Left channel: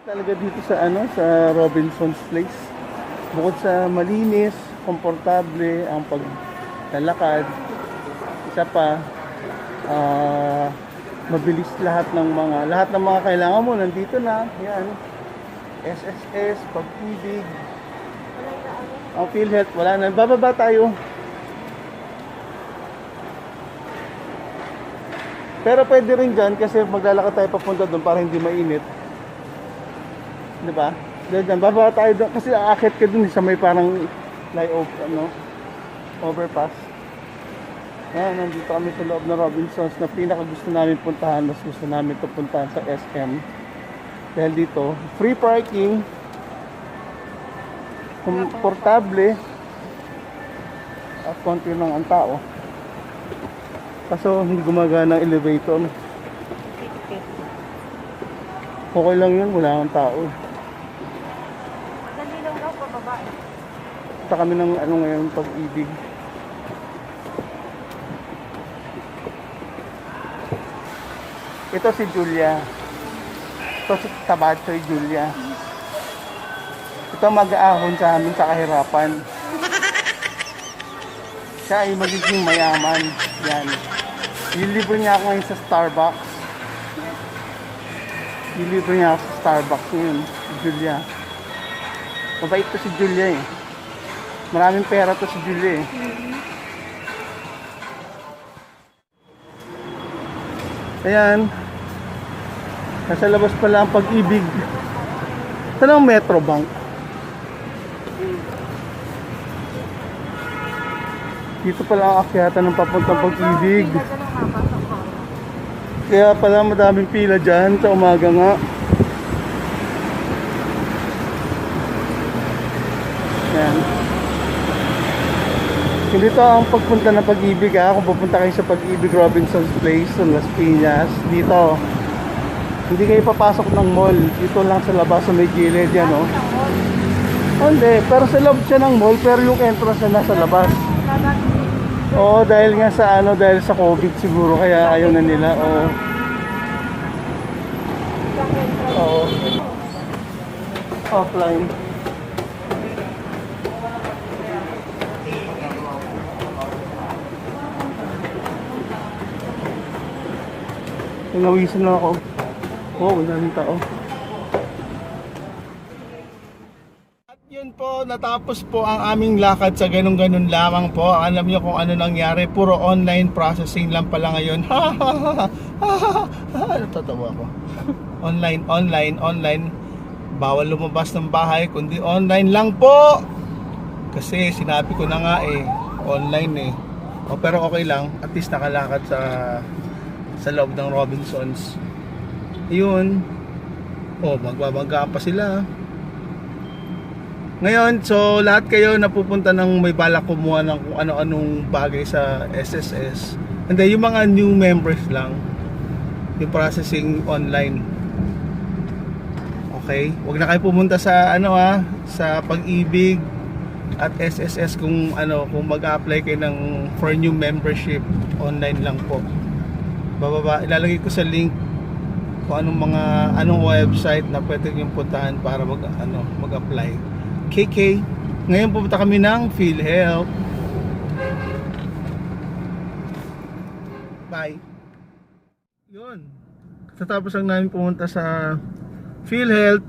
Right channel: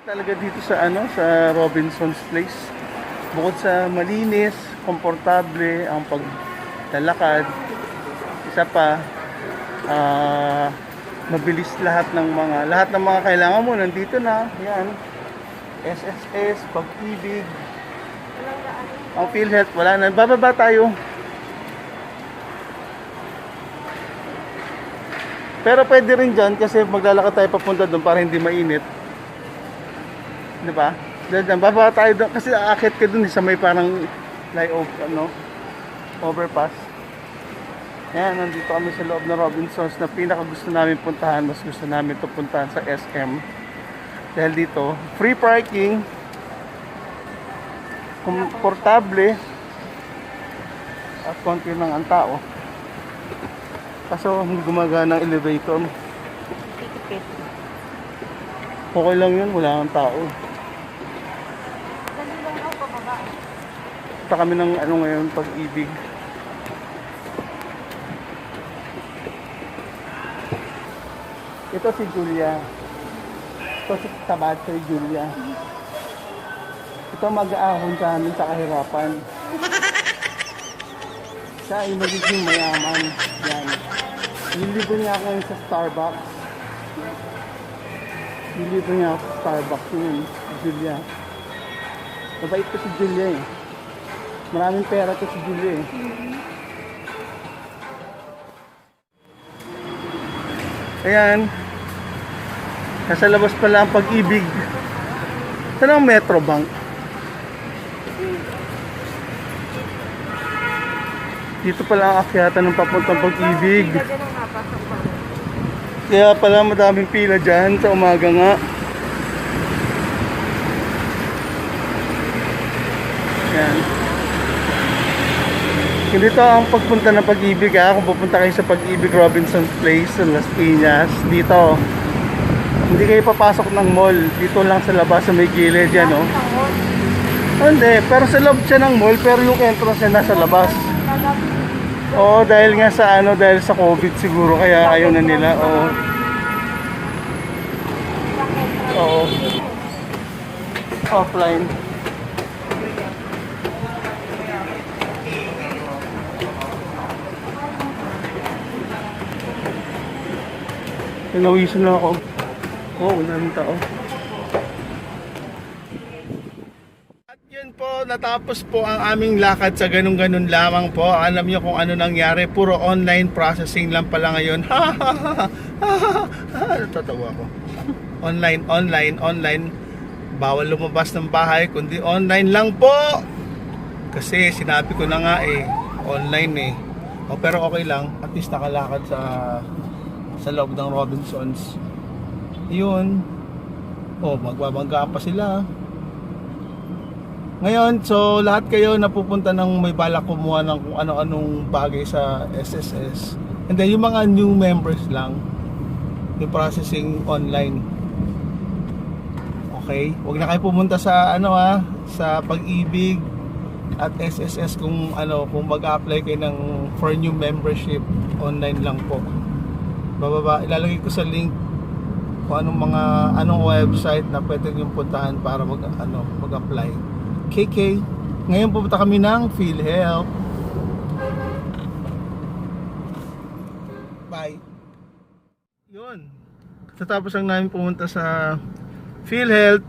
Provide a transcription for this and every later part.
Talaga dito sa sa Robinson's Place. Bukod sa malinis, komportable ang paglalakad, isa pa mabilis lahat ng mga kailangan mo nandito na. Yan. SSS, Pag-ibig, ang PhilHealth wala na. Bababa tayo. Pero pwede rin dyan kasi maglalakad tayo papunta doon para hindi mainit. Di ba? Diyan, bababa tayo doon kasi aakyat ka doon sa may parang overpass. Yan, nandito kami sa loob ng Robinsons na pinaka gusto namin puntahan. Mas gusto namin ito puntahan sa SM. Dahil dito, free parking, komportable, at konti lang ang tao. Kaso hindi gumagana ang elevator. Okay lang yun, wala kang tao. Dali lang daw pababa. Punta kami ng ngayon, Pag-ibig. Ito si Julia. Ito si Tabachoy Julia. Ito mag-aahon sa amin sa kahirapan. Siya ay magiging mayaman. Yan. Lilibre niya ako ngayon sa Starbucks. Lilibre niya ako sa Starbucks yun. Julia. Mabait to si Julia eh. Maraming pera to si Julia eh. Ayan. Nasa labas pala ang Pag-ibig. Saan ang Metrobank? Dito pala ang akyatan ng papuntang Pag-ibig. Kaya pala madaming pila dyan sa umaga nga. Yan. Dito ang pagpunta ng Pag-ibig kung pupunta kayo sa Pag-ibig Robinson's Place sa Las Piñas. Dito. Hindi kayo papasok ng mall. Dito lang sa labas sa may gilid yan Hindi. Pero sa loob siya ng mall pero yung entrance niya nasa labas. Oo, dahil nga sa dahil sa COVID siguro kaya ayaw na nila. Oo. Oo. Offline. Tinawisan na ako. Oo, wala nang tao. Yun po, natapos po ang aming lakad sa ganun-ganun lamang po. Alam niyo kung ano nangyari, puro online processing lang pala ngayon. Natatawa ko. Online. Bawal lumabas ng bahay, kundi online lang po. Kasi sinabi ko na nga online pero okay lang, at least nakalakad sa loob ng Robinsons. Yun. Magbabangga pa sila. Ngayon, so lahat kayo napupunta ng may balak kumuha ng kung ano-anong bagay sa SSS. Hindi, yung mga new members lang. Yung processing online. Okay? Huwag na kayo pumunta sa sa Pag-ibig at SSS kung mag-apply kayo for new membership. Online lang po. Bababa, ilalagay ko sa link kung anong website na pwede nyo puntahan para mag-apply. KK, ngayon pupunta kami ng PhilHealth. Bye. Yun. Tatapos lang namin pumunta sa PhilHealth.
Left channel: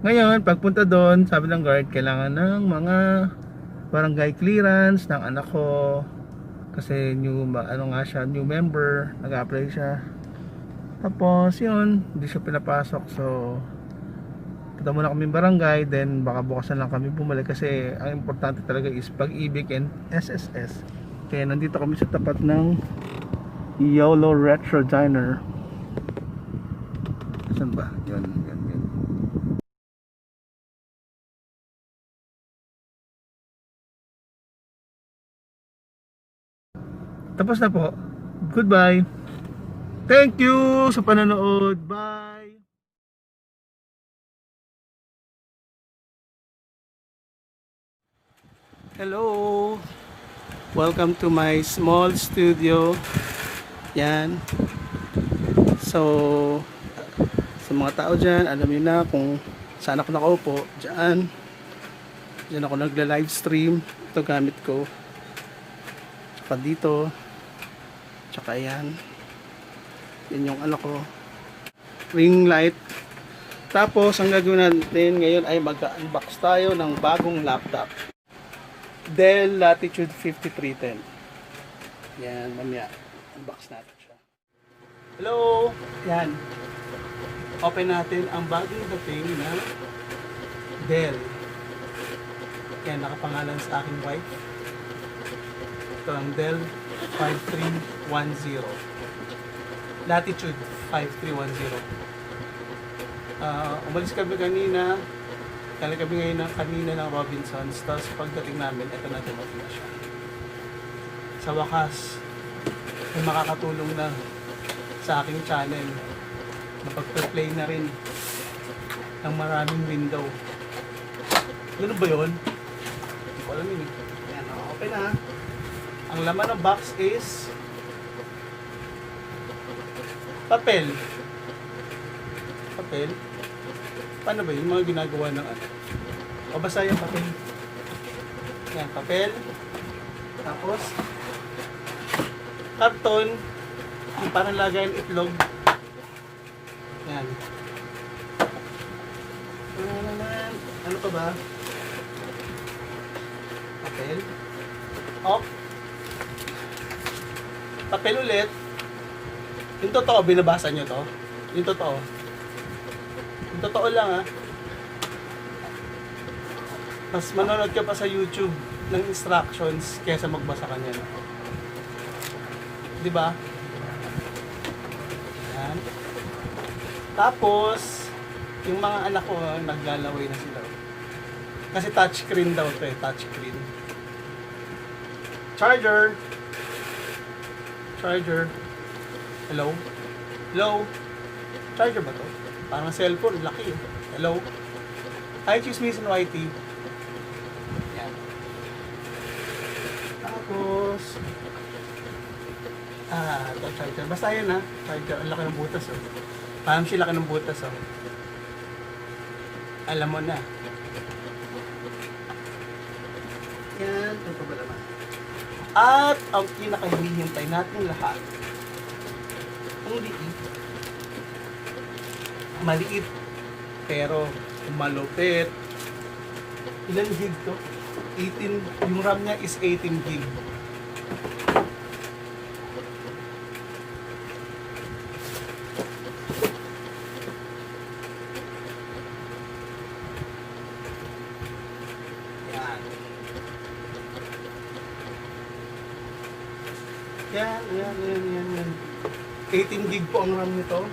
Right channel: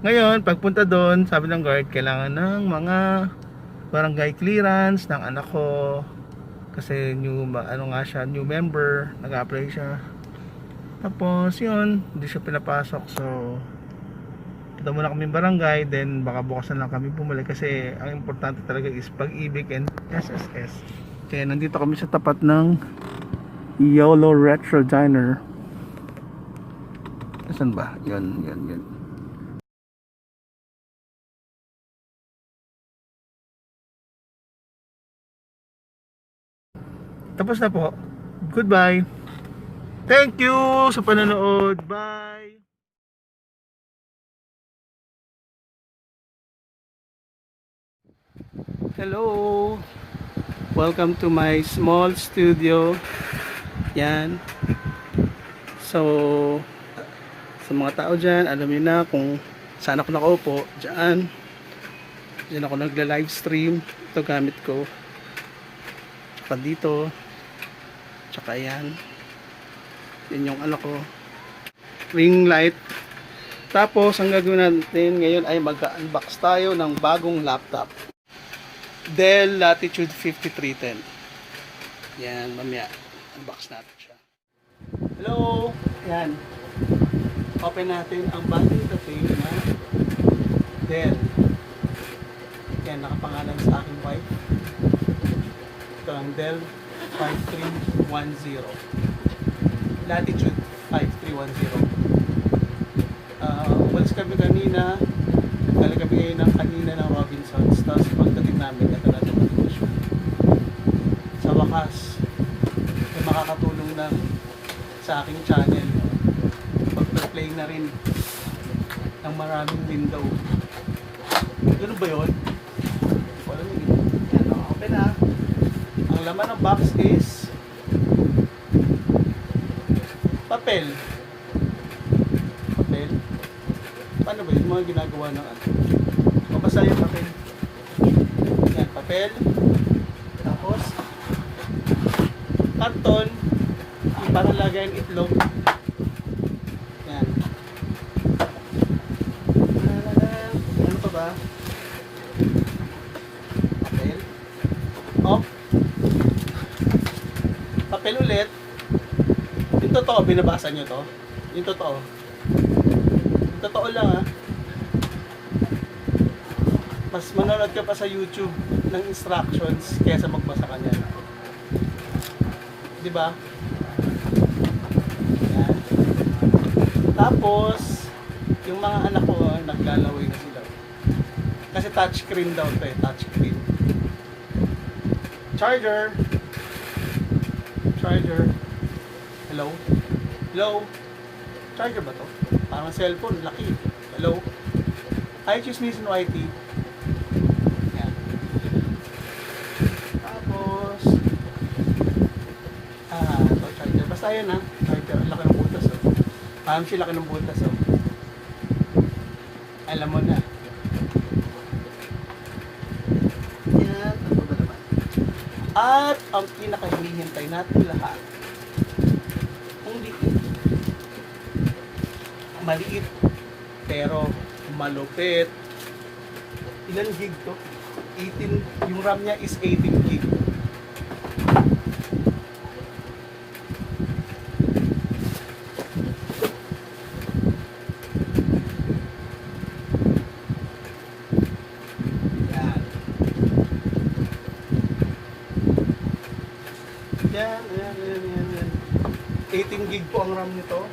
Ngayon, pagpunta doon, sabi ng guard, kailangan ng mga barangay clearance ng anak ko. Kasi new member, nag-apply siya. Tapos yun, hindi siya pinapasok. So punta muna kami barangay, then baka bukas na lang kami bumalik kasi ang importante talaga is Pag-ibig and SSS. Kaya nandito kami sa tapat ng YOLO Retro Diner. Saan ba? Yan. Tapos na po. Goodbye. Thank you sa panonood. Bye. Hello. Welcome to my small studio. Yan. So, sa mga tao dyan, alam niyo na kung Saan ako nakaupo? Diyan. Diyan ako nagla-live stream. Ito gamit ko. Tsaka dito. Tsaka yan. Yan yung ano ko. Ring light. Tapos, ang gagawin natin ngayon ay mag-unbox tayo ng bagong laptop. Dell Latitude 5310. Yan, mamaya. Unbox natin siya. Hello! Yan. Open natin ang bagong dating na Dell. Yan, nakapangalan sa aking wife. Ito ang Dell 5310. Latitude 5310. Umalis kami kanina. Dala kami ngayon ng Robinsons. Tapos pagdating namin, ito na dumating siya. Sa wakas, may makakatulong na sa aking channel. Pag-play na rin ng maraming window. Ganun ba yun? Wala yun. Yan, open na. Ang laman ng box is papel. Papel? Paano ba yun? Mga ginagawa ng ano? Mabasa yung papel. Yan, papel. Tapos, karton. Yung parang lagayan itlog. Yan. Ano pa ba? Papel. Oh. Papel ulit. Yung totoo, binabasa nyo to. Yung totoo. Yung totoo lang ha. Mas manonood ka pa sa YouTube ng instructions kaysa magbasa ka niyan. Diba? Yan. Tapos, yung mga anak ko, naglalaway na sila. Kasi touchscreen daw to eh, touchscreen. Charger. Charger. Hello? Hello? Charger ba to? Parang cellphone, laki. Hello? Hi, Chismis and Whitey. Yan. Tapos, ito, charger. Basta yan ha. Charger, ang laki ng butas oh. Parang siya laki ng butas oh. Alam mo na. Yan, ito ba naman? At ang pinakahihintay natin lahat, kung di maliit pero malupit. Ilan gig to? 18, yung RAM niya is 18 gig. Yan. 18 gig po ang RAM nito.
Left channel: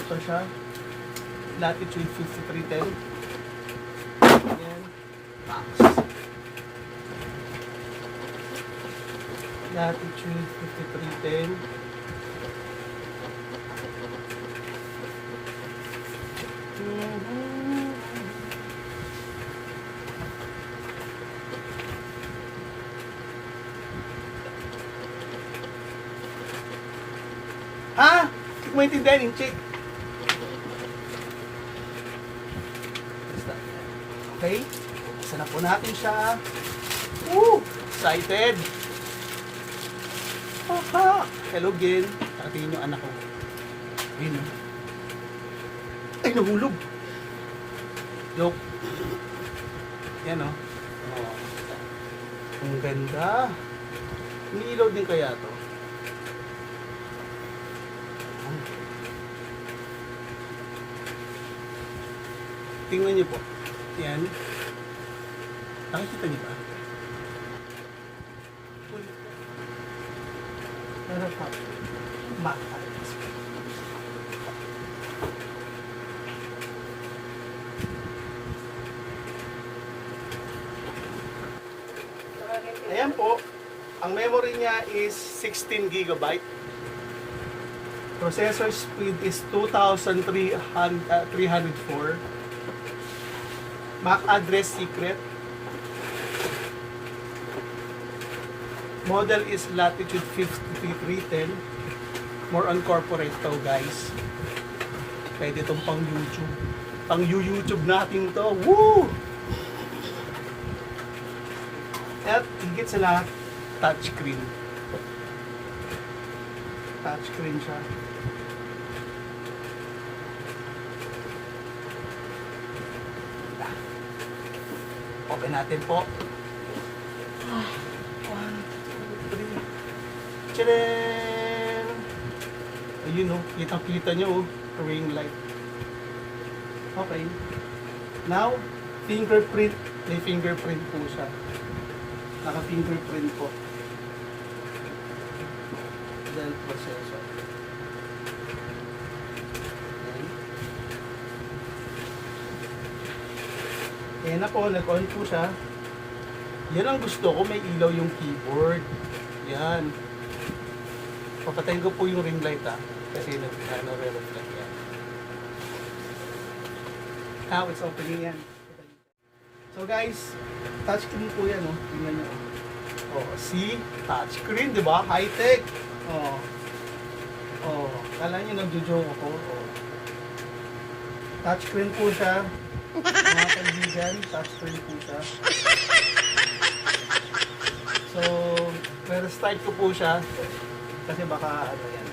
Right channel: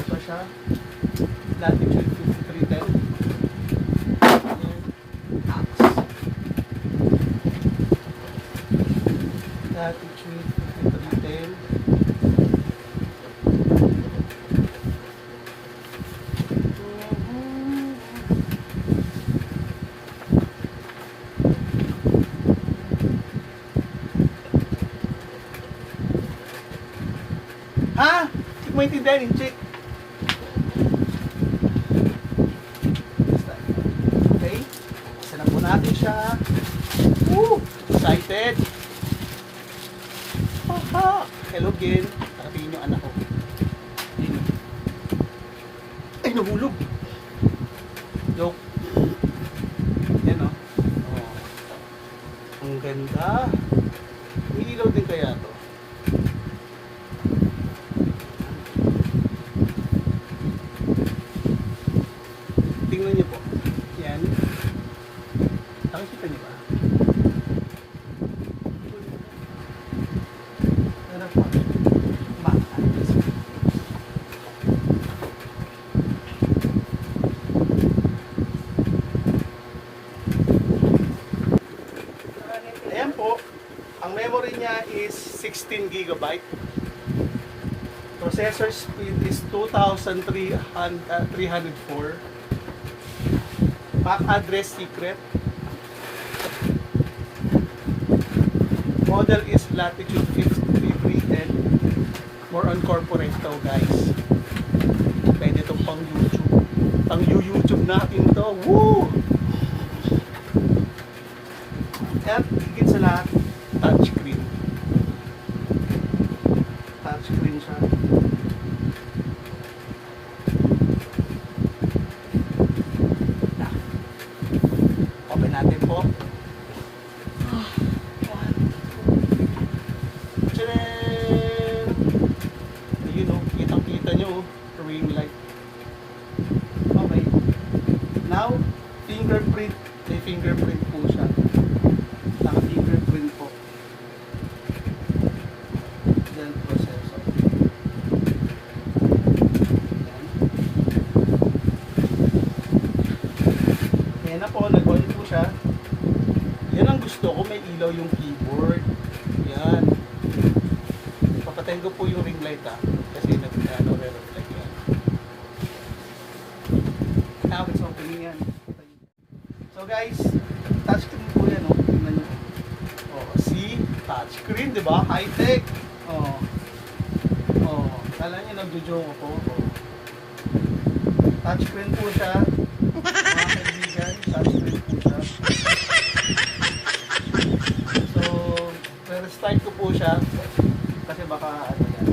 Ito siya. Latitude 5310. Yan. Latitude 5310. Ha? Hindi ko maintindihan yung chick. Okay? Isa na po natin siya. Woo! Excited! Aha! Hello again. Nakatingin yung anak ko. Yun. Ay, nahulog! Joke. Yan o. Oh. Ang ganda. Ang ilaw din kaya to. Tingnan niyo po. Yan. Nakikita niyo ba? Ayan po. Ang memory niya is 16 GB. Processor speed is 2304. MAC address secret. Model is Latitude 5310. More on corporate to guys. Pwede itong pang YouTube. Pang YouTube natin to. Woo! At higit sa lahat, touchscreen. Touchscreen siya. Open natin po. Tcharam! Ayun o, kitang-kita nyo o, ring light. Okay. Now, fingerprint. May fingerprint po siya. Naka-fingerprint po. Then, processor. Ayan na po, nag-on po siya. Yan ang gusto ko, may ilaw yung keyboard. Yan. Papatayin ko po yung ring light kasi re-reflect yan. Now it's opening yan. So guys, touchscreen po yan, tingnan nyo. See? Touchscreen, di ba? High-tech. Kala nyo nagjo-joke ako. Touchscreen po siya. Mga kaibigan, touchscreen po siya. So, pero start ko po siya. Kasi baka yan,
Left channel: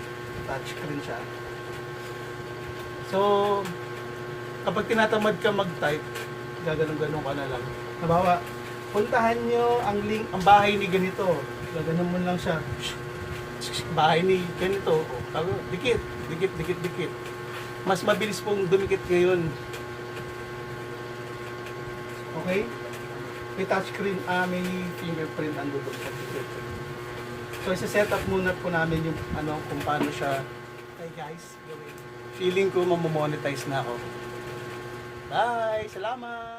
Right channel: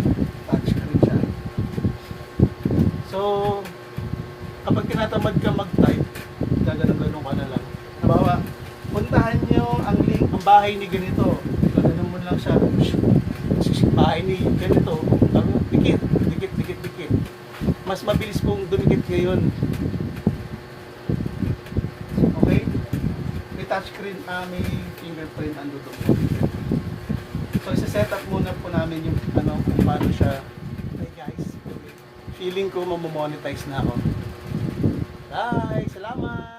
touchscreen siya. So, kapag tinatamad ka mag-type, gaganon-ganon ka na lang. Halimbawa, puntahan nyo ang link, ang bahay ni ganito. Gaganon mo lang siya. Bahay ni ganito. Dikit, dikit, dikit, dikit. Mas mabilis pong dumikit ngayon. Okay? May touchscreen, may fingerprint ang dudok po. So, isa-set up muna po namin yung kung paano siya. Okay guys, feeling ko mamomonetize na ako. Bye! Salamat!